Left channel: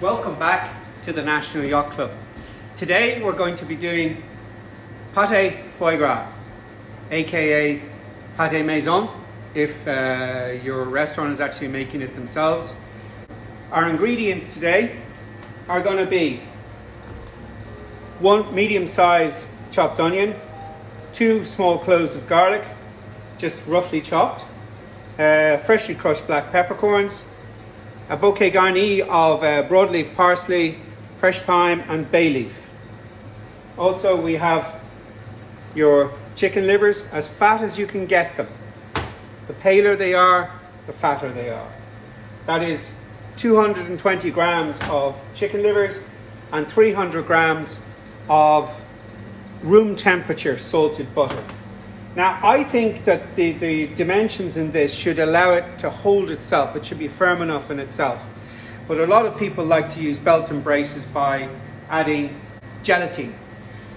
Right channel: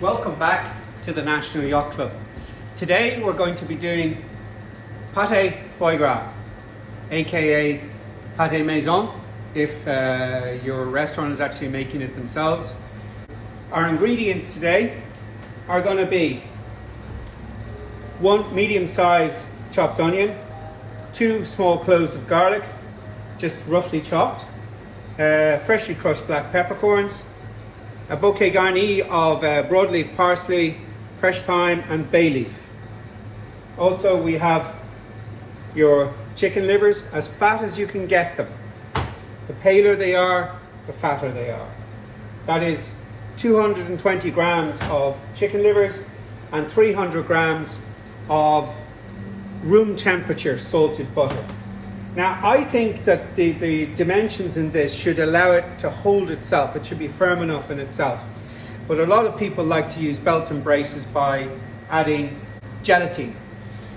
Welcome back to the National Yacht Club. Today we're going to be doing Pate Foie Gras, aka Pate Maison, if your restaurant is actually making it themselves. Our ingredients today are going to be 1 medium-sized chopped onion, 2 small cloves of garlic, just roughly chopped, freshly crushed black peppercorns, a bouquet garni of broadleaf parsley, fresh thyme and bay leaf. Also we have your chicken livers, as fat as you can get them. The paler they are, the fatter they are. That is 220 grams of chicken livers and 300 grams of room temperature salted butter. Now I think that the dimensions in this should allow it to hold itself. It should be firm enough in itself. But a lot of people like to use belt and braces by adding gelatin.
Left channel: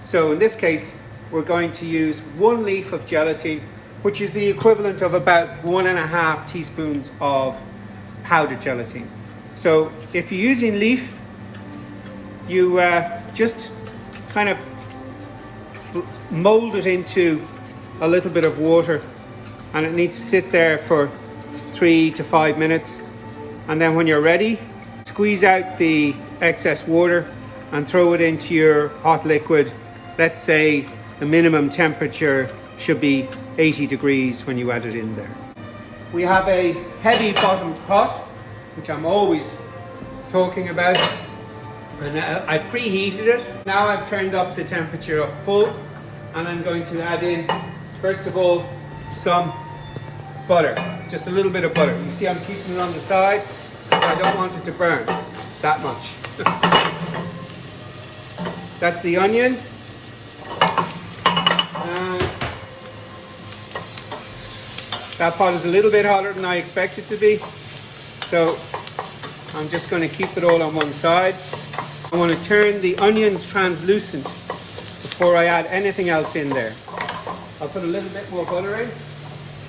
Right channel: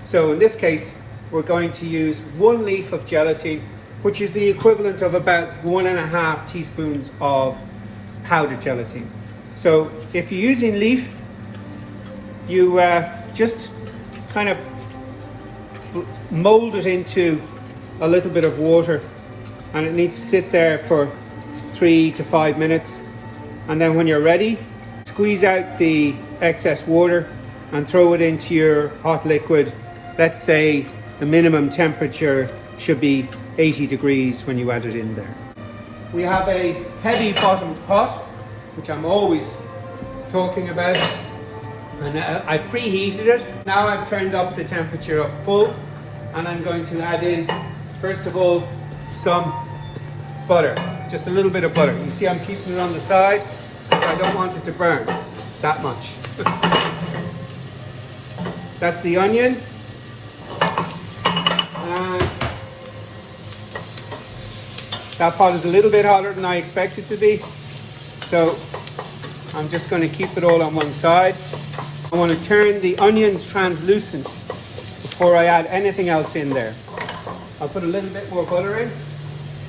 So in this case, we're going to use 1 leaf of gelatin, which is the equivalent of about 1.5 teaspoons of powdered gelatin. So if you're using leaf, you just kind of mold it into a little bit of water, and it needs to sit there for 3 to 5 minutes, and then when you're ready, squeeze out the excess water and throw it into your hot liquid. Let's say the minimum temperature should be 80 degrees when you add it in there. We have a heavy bottomed pot, which I'm always talking about, and I've preheated it. Now I've turned up the temperature up full, and I'm going to add in, first of all, some butter, just a little bit of butter. You see I'm keeping it on the side because I don't want it to burn that much. That's the onion. And that pot is a little bit hotter than I expect it to be, so I'm just going to keep it all on one side. I want to turn the onions translucent before I add anything else in there. I'll put a little bit more butter in.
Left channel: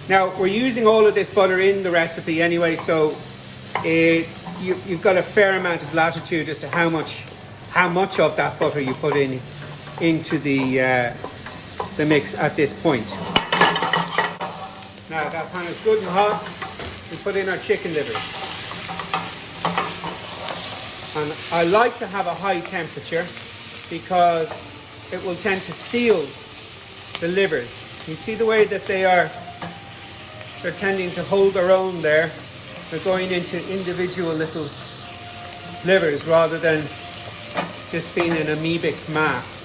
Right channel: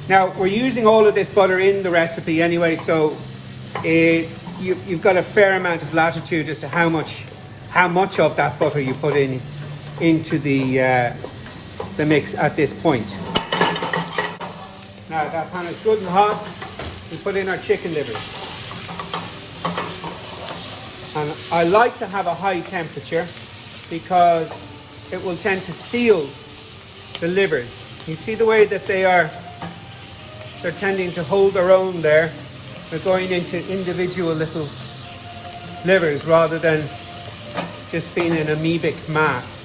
Now we're using all of this butter in the recipe anyway, so you've got a fair amount of latitude as to how much of that butter you put into the mix at this point. Now that pan is good and hot. We put in our chicken livers, and I like to have a high temperature because it will tend to seal the livers. You see the way that they're tending to hold their own there. They're going into individual little livers rather than just being an amoebic mass.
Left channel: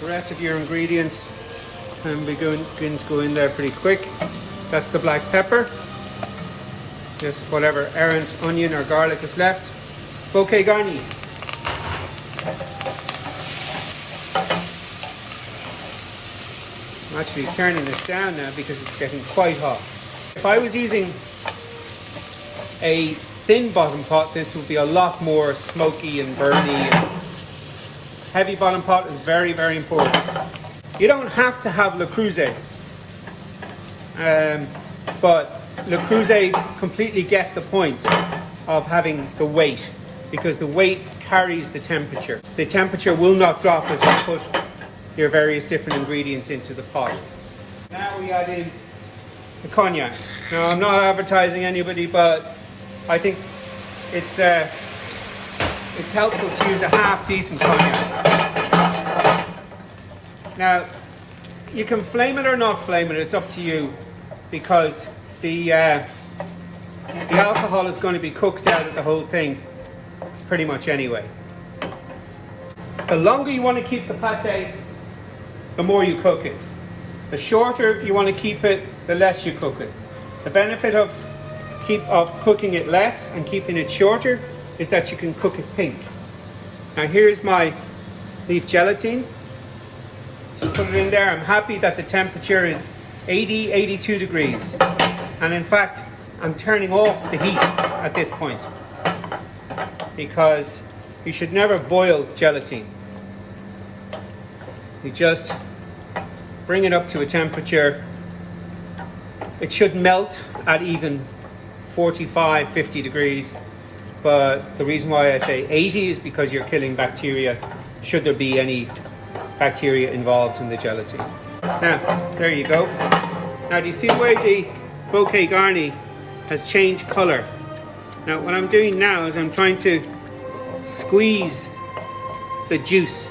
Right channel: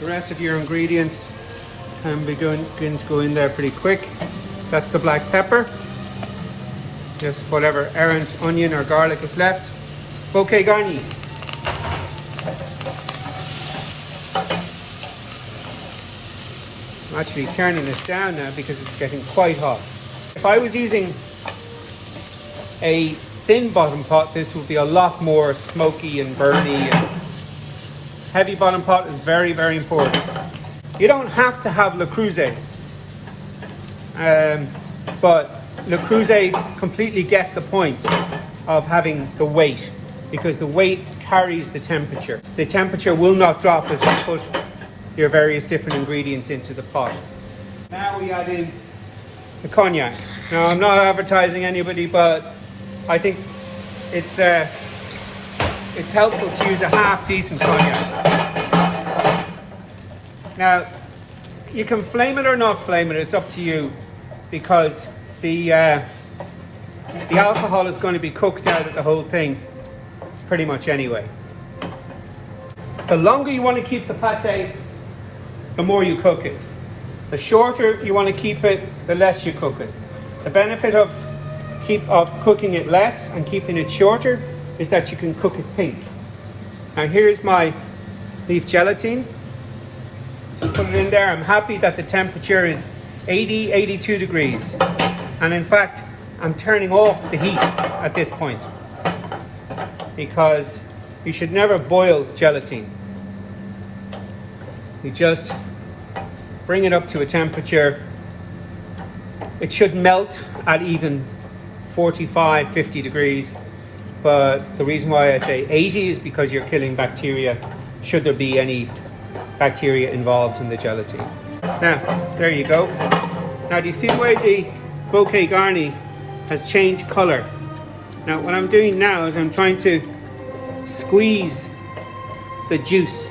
The rest of your ingredients can be going to go in there pretty quick. That's the black pepper. Just whatever errant onion or garlic is left. Bouquet garni. I'm actually turning this down now because it's getting quite hot. If I was using a thin bottom pot, this would be a lot more smoky and burny. Heavy bottom pot is very, very important. You don't have to have Le Creuset, but Le Creuset completely gets the point of having the weight, because the weight carries the temperature. The temperature will not drop as you put your various different ingredients into the pot. Now we add in the cognac. Now I'm not advertising anybody, but I think it's helpful to use a half decent cognac. Now you can flame it or not flame it, it's up to you, because the alcohol is going to be cooked out of the whole thing pretty much anyway. The longer you want to keep the pate, the more you cook it. The shorter you want to keep it, the less you cook it. The benefit of cooking it less and keeping it shorter is that you can cook it pink. Now here's my leaf gelatin. So put it in there. I'm happy that the temperature is 82 degrees. And in fact, I'm turning off the heat at this point, because you should never boil gelatin. You just bring it up to a temperature. It should melt at even 45, 50 degrees. But the reason why I say 80 is because you're killing bacteria, should there be any bacteria involved in the gelatin. Now, there you go. Now, do you see where the bouquet garni has changed color? Now, what I'm doing now is I'm trying to squeeze the juice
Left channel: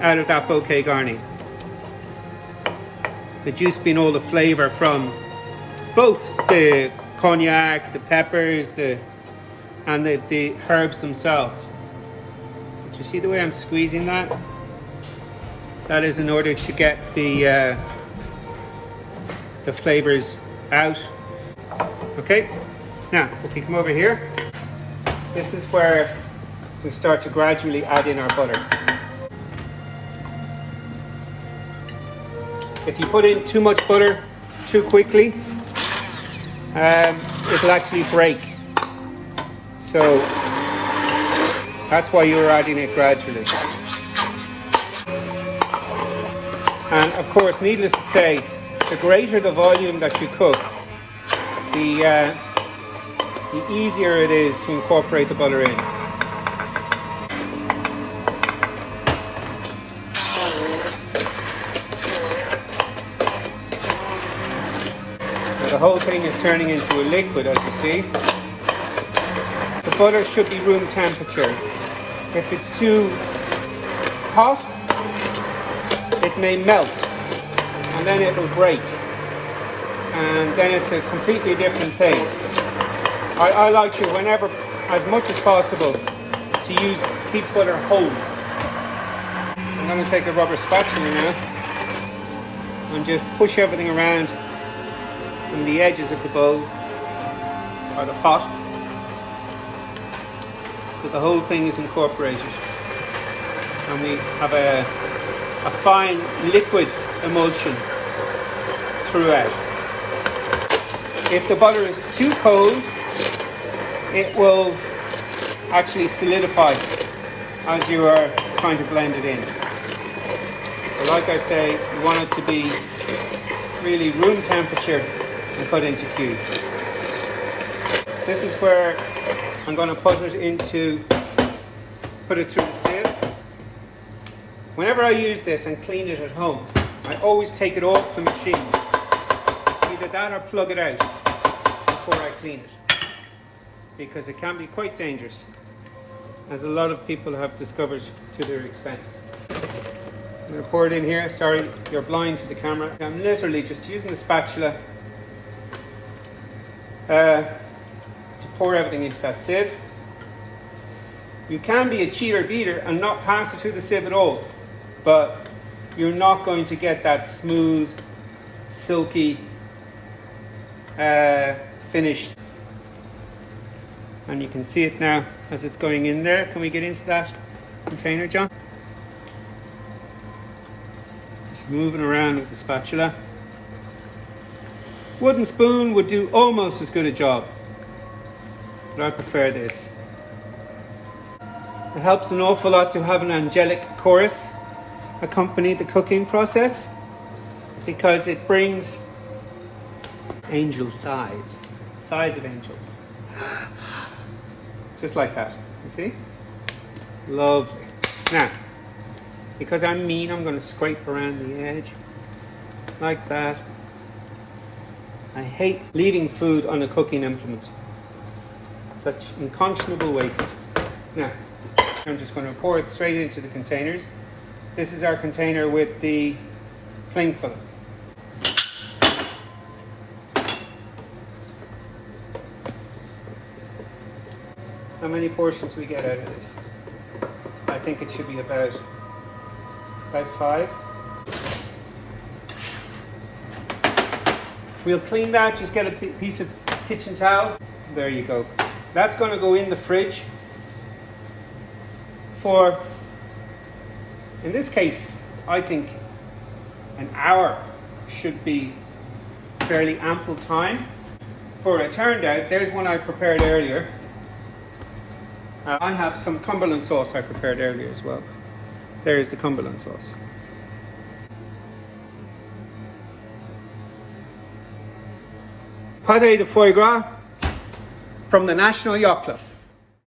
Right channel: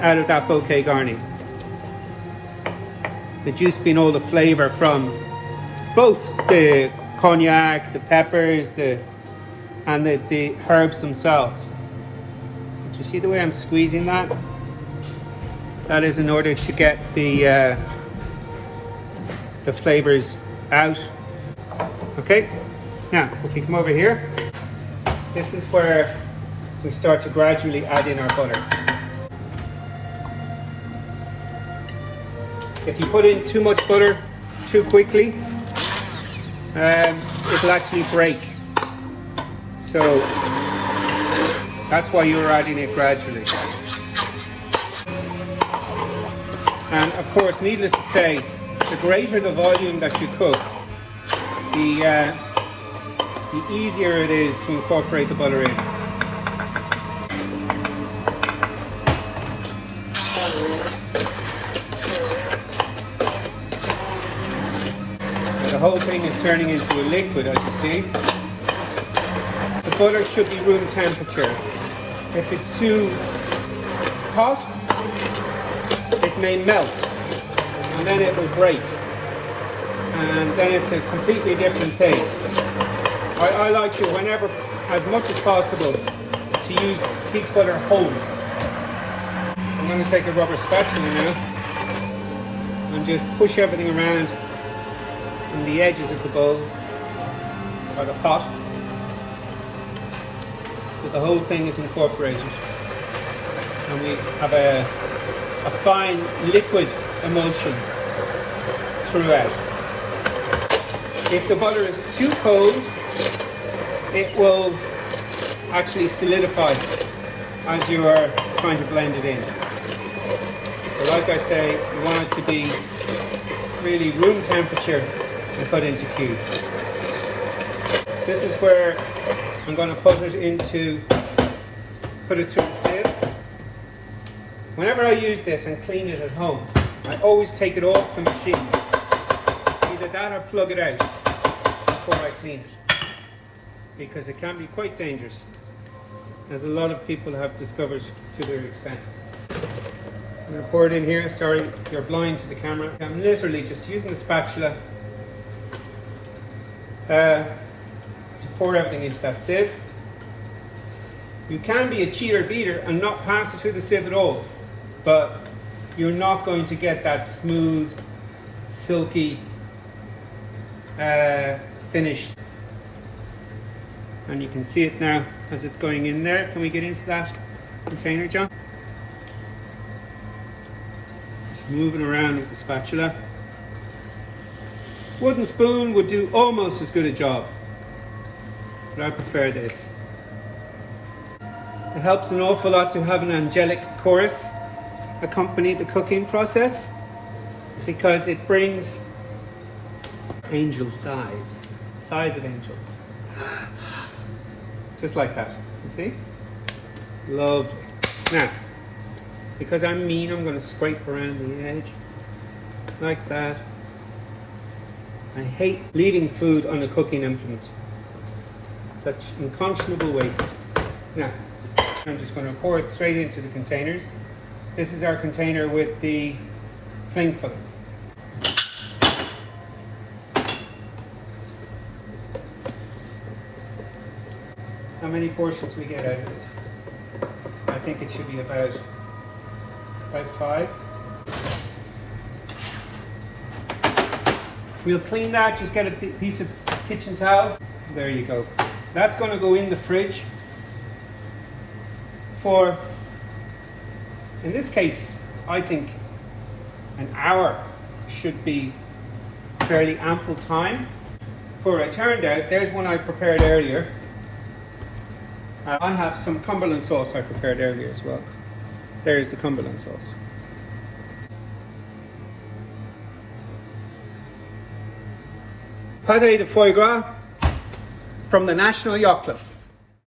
out of that bouquet garni. The juice being all the flavor from both the cognac, the peppers, and the herbs themselves. Do you see the way I'm squeezing that? That is in order to get the flavors out. Okay, now if we come over here, this is where we start to gradually add in our butter. If you put in too much butter too quickly, it'll actually break. So that's why you're adding it gradually. And of course, needless to say, the greater the volume that you cook, the easier it is to incorporate the butter in. Now, the whole thing is turning into a liquid, as you see. The butter should be room temperature. If it's too hot, it may melt, and then it will break, and then it's a completely different thing. I like to, whenever, as much as possible, to keep butter whole. I'm going to take a rubber spatula now and just push everything around in the edges of the bowl or the pot, so the whole thing is incorporated, and we have a fine liquid emulsion throughout. If the butter is too cold, it will actually solidify as you are trying to blend it in. But like I say, you want it to be really room temperature and put into cubes. This is where I'm going to put it through the sieve. Whenever I use this and clean it at home, I always take it off the machine. Either that or plug it out before I clean it, because it can be quite dangerous, as a lot of people have discovered to their expense. I'm going to pour it in here. Sorry, you're blind to the camera. I'm literally just using the spatula to pour everything into that sieve. You can be a cheater beater and not pass it through the sieve at all, but you're not going to get that smooth, silky finish. And you can see it now as it's going in there. Can we get into that container, John? Just moving around with the spatula. Wooden spoon would do almost as good a job, but I prefer this. It helps an awful lot to have an angelic chorus accompany the cooking process, because it brings angel size of angels. Just like that, you see? Lovely. Now, because I'm mean, I'm going to scrape around the edge, like that. I hate leaving food on a cooking implement. Such unconscionable waste. Now, I'm just going to pour it straight into the containers. This is our container with the cling film. How many portions we get out of this? I think it should be about 5. We'll clean that, just get a piece of kitchen towel. There you go. That's going to go in the fridge for, in this case, I think an hour should be fairly ample time. For it turned out, there's one I prepared earlier. I have some Cumberland sauce I prepared earlier as well. There's the Cumberland sauce. Pate de foie gras from the National Yacht Club.